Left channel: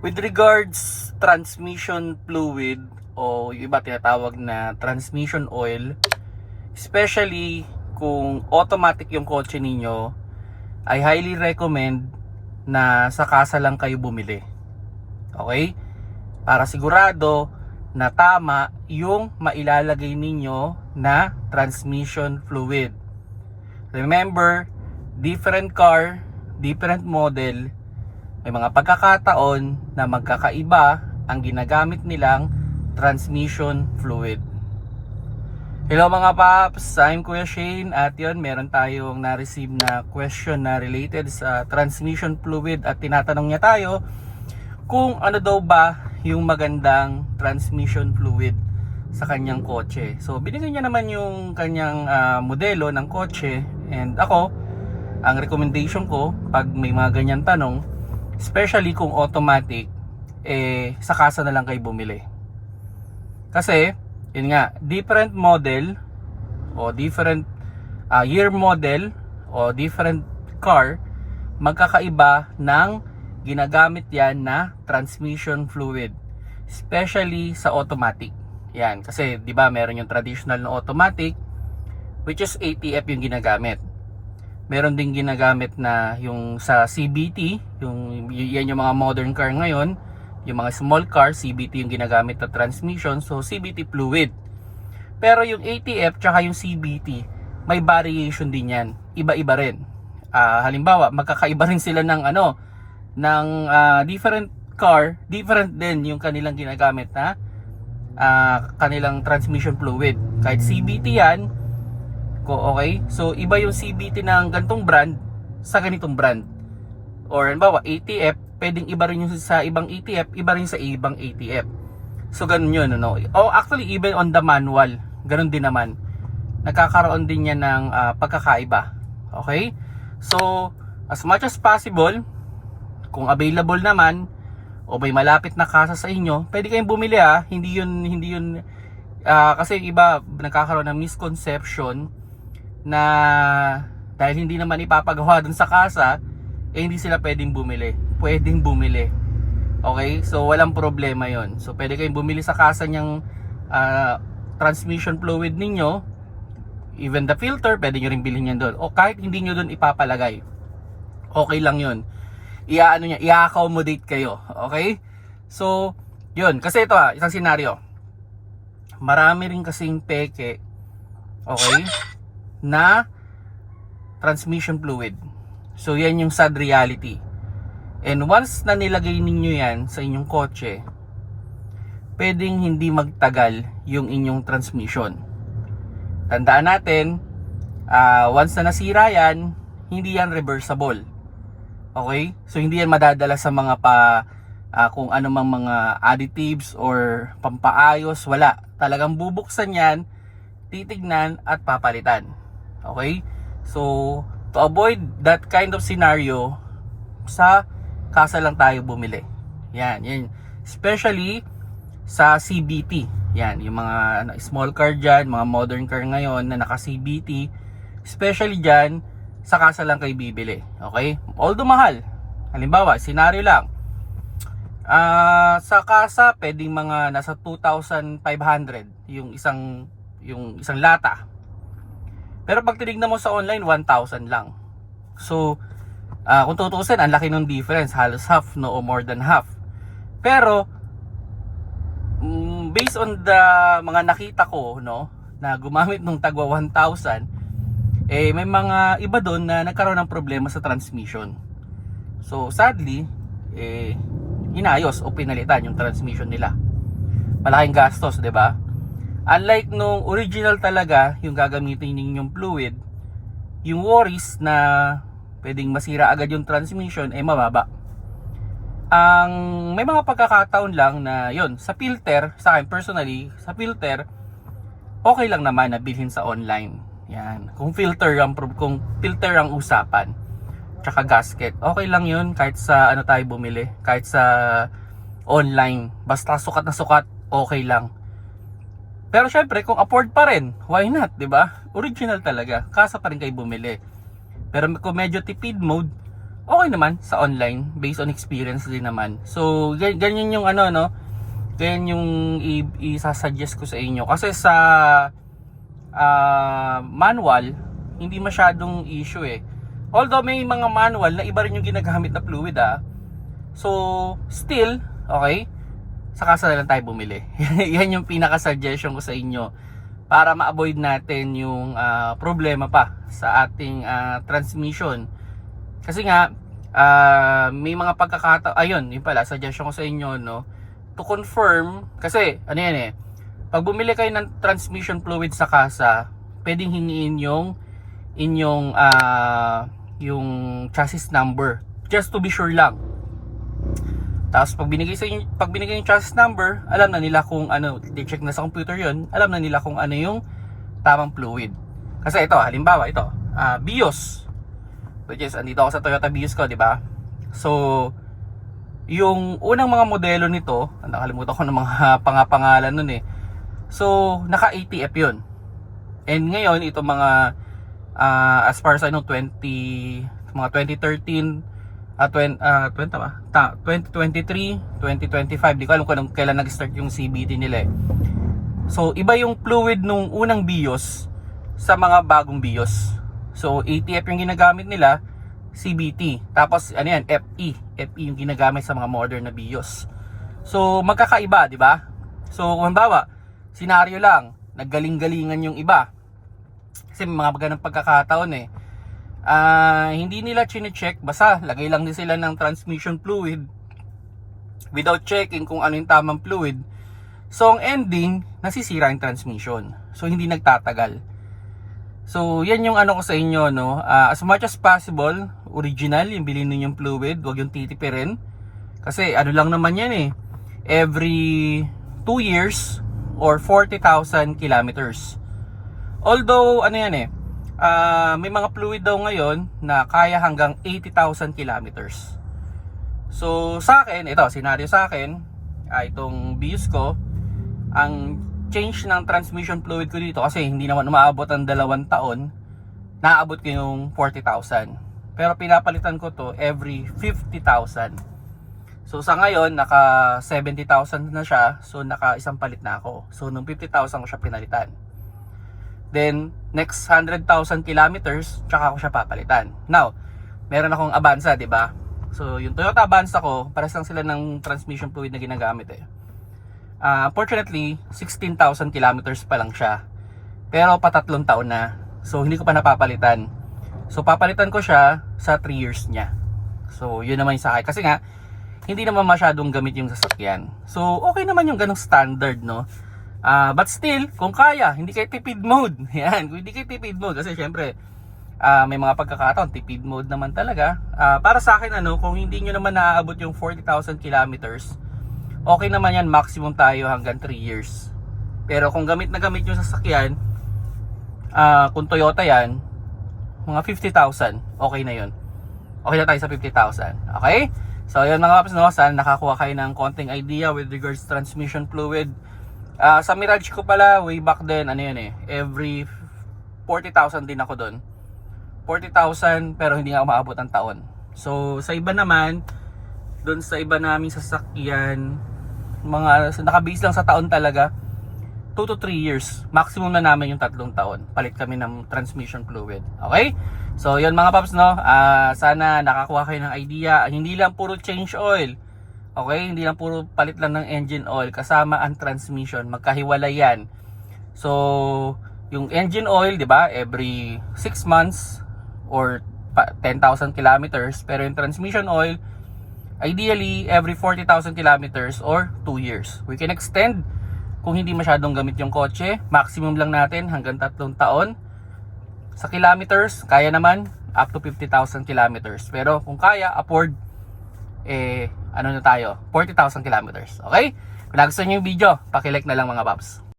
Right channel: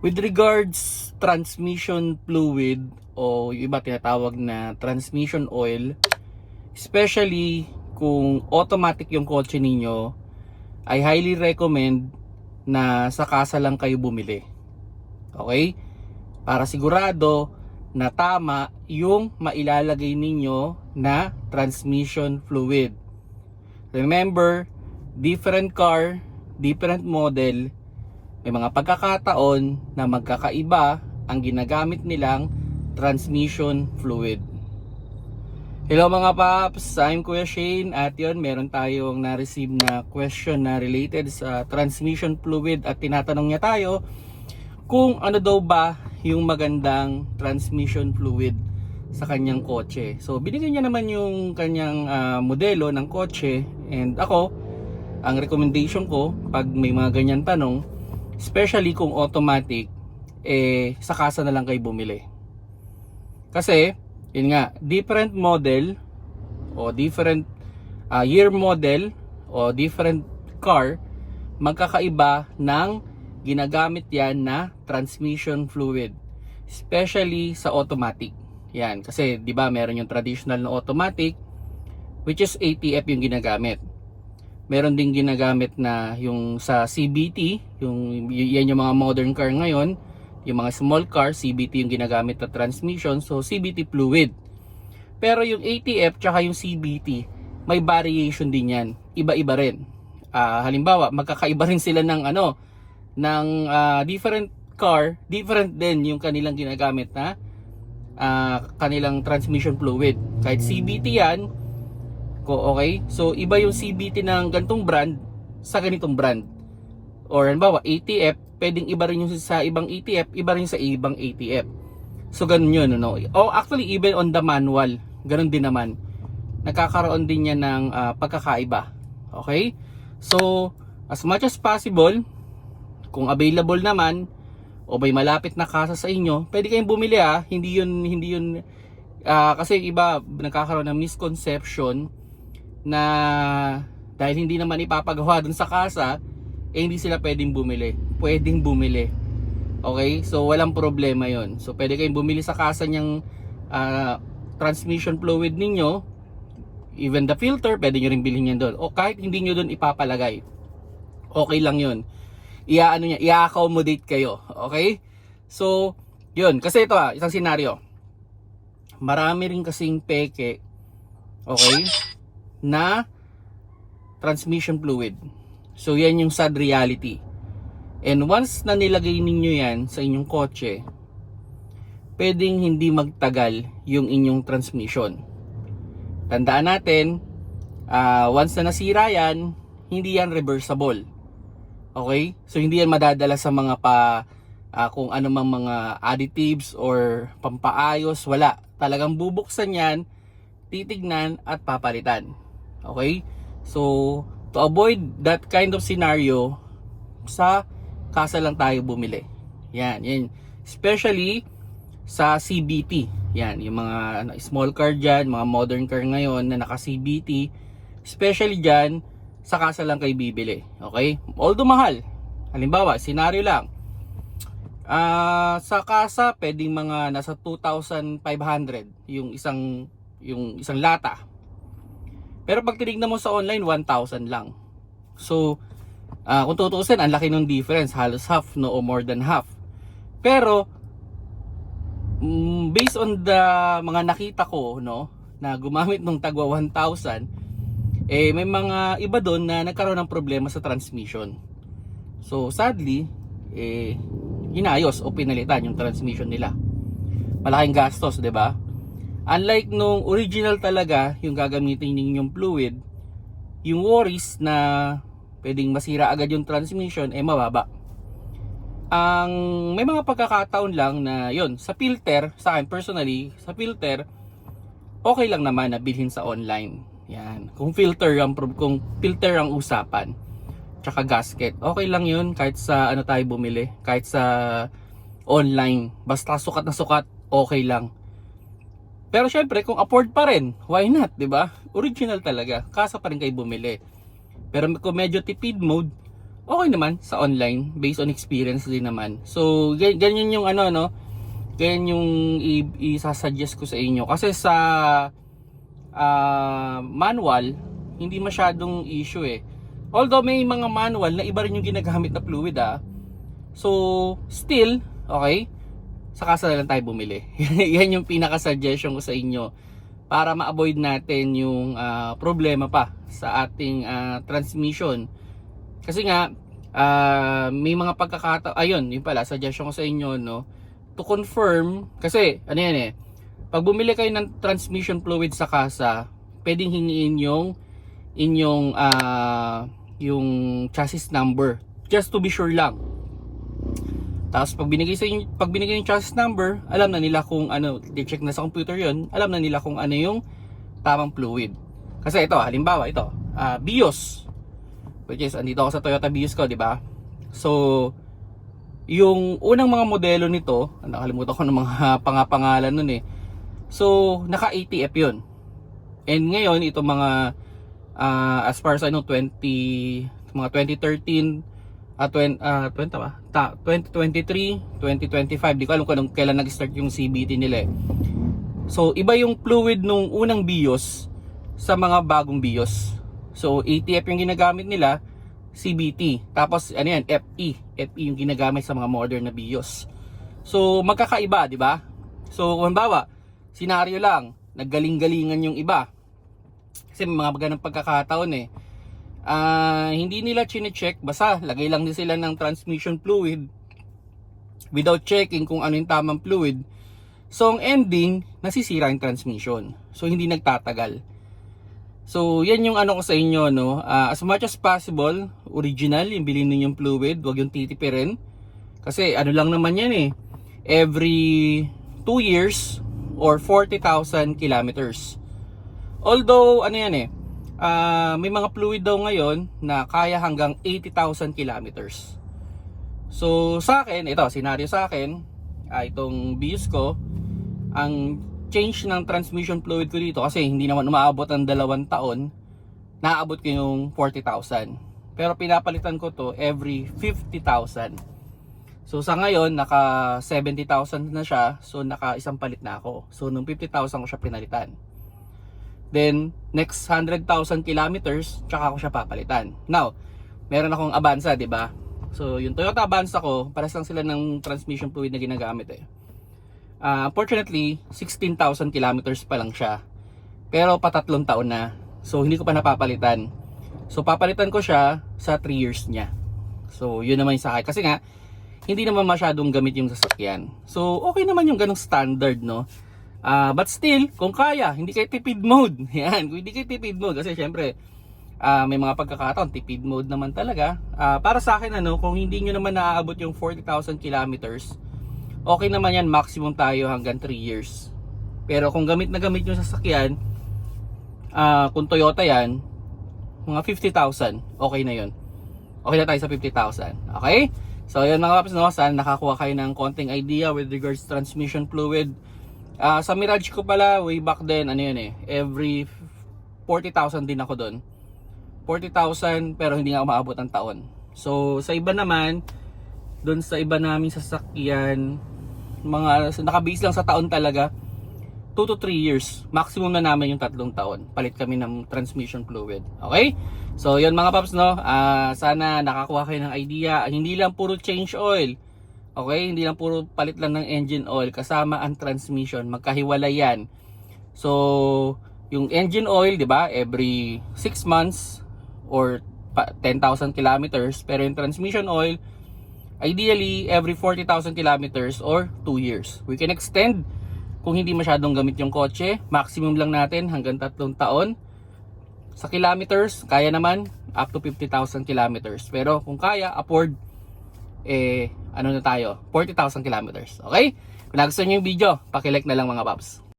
With regards transmission fluid o yung iba tinatawag na transmission oil, especially kung automatic yung kotse ninyo, I highly recommend na sa kasa lang kayo bumili. Okay? Para sigurado na tama yung mailalagay ninyo na transmission fluid. Remember, different car, different model, may mga pagkakataon na magkakaiba ang ginagamit nilang transmission fluid. Hello mga paps, I'm Kuya Shane at yun, meron tayong na-receive na question na related sa transmission fluid at tinatanong niya tayo kung ano daw ba yung magandang transmission fluid sa kanyang kotse. So binigyan niya naman yung kanyang modelo ng kotse, and ako, ang recommendation ko pag may mga ganyan tanong, especially kung automatic, sa kasa na lang kayo bumili. Kasi, yun nga, different model o different year model o different car, magkakaiba ng ginagamit yan na transmission fluid. Especially sa automatic. Yan, kasi 'di ba meron yung traditional na automatic, which is ATF yung ginagamit. Meron ding ginagamit na yung sa CVT, yan yung mga modern car ngayon, yung mga small car, CVT yung ginagamit na transmission, so CVT fluid. Pero yung ATF tsaka yung CVT, may variation din yan, iba-iba rin. Halimbawa, magkakaiba rin sila ng different car, different din yung kanilang ginagamit na kanilang transmission fluid. Kahit CVT yan, okay? So iba yung CVT ng ganitong brand sa ganitong brand. Or halimbawa ATF, pwedeng iba rin yung sa ibang ATF, iba rin sa ibang ATF. So ganun yun, no? Oh, actually even on the manual, ganun din naman. Nagkakaroon din yan ng pagkakaiba. Okay? So as much as possible, kung available naman o may malapit na kasa sa inyo, pwede kayong bumili Hindi yun kasi iba nagkakaroon ng misconception na dahil hindi naman ipapagawa dun sa kasa, hindi sila pwedeng bumili. Pwedeng bumili. Okay? So walang problema yon. So pwede kayong bumili sa kasa niyang transmission fluid ninyo. Even the filter, pwede nyo rin bilhin yan doon. O kahit hindi nyo doon ipapalagay, okay lang yon. I-accommodate kayo. Okay? So, yun. Kasi ito isang senaryo. Marami rin kasing peke, okay, na transmission fluid. So yan yung sad reality. And once na nilagay ninyo yan sa inyong kotse, pwedeng hindi magtagal yung inyong transmission. Tandaan natin, once na nasira yan, hindi yan reversible. Okay? So hindi yan madadala sa mga kung ano mang mga additives or pampaayos, wala. Talagang bubuksan yan, titignan at papalitan. Okay? So, to avoid that kind of scenario, sa kasa lang tayo bumili. Yan. Especially sa CVT. Yan, yung mga small car dyan, mga modern car ngayon na naka CVT, especially dyan, sa kasa lang kayo bibili. Okay? Although mahal. Halimbawa, scenario lang. Sa kasa, pwedeng mga nasa 2,500 yung isang lata. Pero pag tinignan mo sa online, 1,000 lang. So, kung tutuusin, ang laki ng difference, halos half, no, o more than half. Pero based on the mga nakita ko, no, na gumamit ng tagwa 1,000, may mga iba doon na nagkaroon ng problema sa transmission. So, sadly, inayos o pinalitan yung transmission nila. Malaking gastos, 'di ba? Unlike nung original talaga, yung gagamitin ninyong fluid, yung worries na pwedeng masira agad yung transmission mababa. May mga pagkakataon lang na yun, sa filter, sa akin personally, sa filter, okay lang naman na bilhin sa online. Yan. Kung filter ang usapan, tsaka gasket, okay lang yun kahit sa ano tayo bumili, kahit sa online, basta sukat na sukat, okay lang. Pero syempre, kung afford pa rin, why not, 'di ba? Original talaga, kasa pa rin kayo bumili. Pero kung medyo tipid mode, okay naman sa online based on experience din naman. So ganyan yung ano no, ganyan yung isasuggest ko sa inyo kasi sa manual hindi masyadong issue eh. Although may mga manual na iba rin yung ginagamit na fluid So still okay, sa kasa na lang tayo bumili. Yan yung pinaka-suggestion ko sa inyo para ma-avoid natin yung problema pa sa ating transmission. Kasi nga may mga pagkakataon, ayun, yun pala, suggestion ko sa inyo, no, to confirm, kasi ano yan eh, pag bumili kayo ng transmission fluid sa kasa, pwedeng hingin yung inyong yung chassis number, just to be sure lang. Tapos pag binigay yung chassis number, alam na nila kung ano, i-check na sa computer yun, alam na nila kung ano yung tamang fluid. Kasi ito, halimbawa ito, BIOS, which is andito ako sa Toyota BIOS ko, di ba? So yung unang mga modelo nito, nakalimutan ko ng mga pangalan nun eh. So naka ATF yun. And ngayon itong mga as far as I know, 2013, 2023, 2025, di ko alam kung kailan nag-start yung CBT nila eh. So iba yung fluid nung unang BIOS sa mga bagong BIOS. So ATF yung ginagamit nila, CBT. Tapos ano yan, FE yung ginagamit sa mga modern na BIOS. So magkakaiba, di ba? So kung halimbawa, senaryo lang, naggaling-galingan yung iba. Kasi may mga ganang pagkakataon eh. Hindi nila chine-check, basta lagay lang din sila ng transmission fluid without checking kung ano yung tamang fluid. So ang ending, nasisira yung transmission. So hindi nagtatagal. So yan yung ano ko sa inyo, no. As much as possible, original yung bilhin niyo yung fluid, wag yung titipirin. Kasi ano lang naman yan eh. Every 2 years or 40,000 kilometers. Although ano yan eh, may mga fluid daw ngayon na kaya hanggang 80,000 kilometers. So sa akin, ito, senaryo sa akin, itong BIOS ko, ang change ng transmission fluid ko dito, kasi hindi naman umaabot ang 2 taon, naaabot ko yung 40,000. Pero pinapalitan ko to every 50,000. So sa ngayon, naka 70,000 na siya, so naka isang palit na ako. So nung 50,000 ko siya pinalitan. Then next 100,000 kilometers, tsaka ko siya papalitan. Now, meron akong Avanza, 'di ba? So yung Toyota Avanza ko, pares lang sila ng transmission fluid na ginagamit eh. Unfortunately, 16,000 kilometers pa lang siya. Pero pa 3 taon na. So hindi ko pa napapalitan. So papalitan ko siya sa 3 years niya. So yun naman yung sa akin. Kasi nga, hindi naman masyadong gamit yung sasakyan. So okay naman yung ganong standard, no? But still, kung kaya, hindi kayo tipid mode. Yan, kung hindi kayo tipid mode. Kasi syempre, may mga pagkakataon, tipid mode naman talaga. Para sa akin, ano, kung hindi nyo naman naaabot yung 40,000 kilometers, okay naman yan, maximum tayo hanggang 3 years. Pero kung gamit na gamit yung sasakyan, kung Toyota yan, mga 50,000, okay na yun. Okay na tayo sa 50,000. Okay? So yun mga paps, no? Sana nakakuha kayo ng konting idea with regards to transmission fluid. Sa Mirage ko pala, way back then, ano yun eh, every 40,000 din ako doon. 40,000 pero hindi nga umaabot ang taon. So sa iba naman, doon sa iba naming sasakyan, mga nakabase lang sa taon talaga, 2 to 3 years. Maximum na namin yung 3 taon. Palit kami ng transmission fluid. Okay? So yun mga paps, no? Sana nakakuha kayo ng idea. Hindi lang puro change oil. Okay? Hindi lang puro palit lang ng engine oil. Kasama ang transmission. Magkahiwalay yan. So yung engine oil, di ba? Every 6 months or 10,000 kilometers. Pero yung transmission oil, ideally, every 40,000 kilometers or 2 years. We can extend kung hindi masyadong gamit yung kotse. Maximum lang natin hanggang 3 taon. Sa kilometers, kaya naman up to 50,000 kilometers. Pero kung kaya, afford, ano na tayo, 40,000 kilometers. Okay? Kung nagustuhan nyo yung video, pakilike na lang mga paps.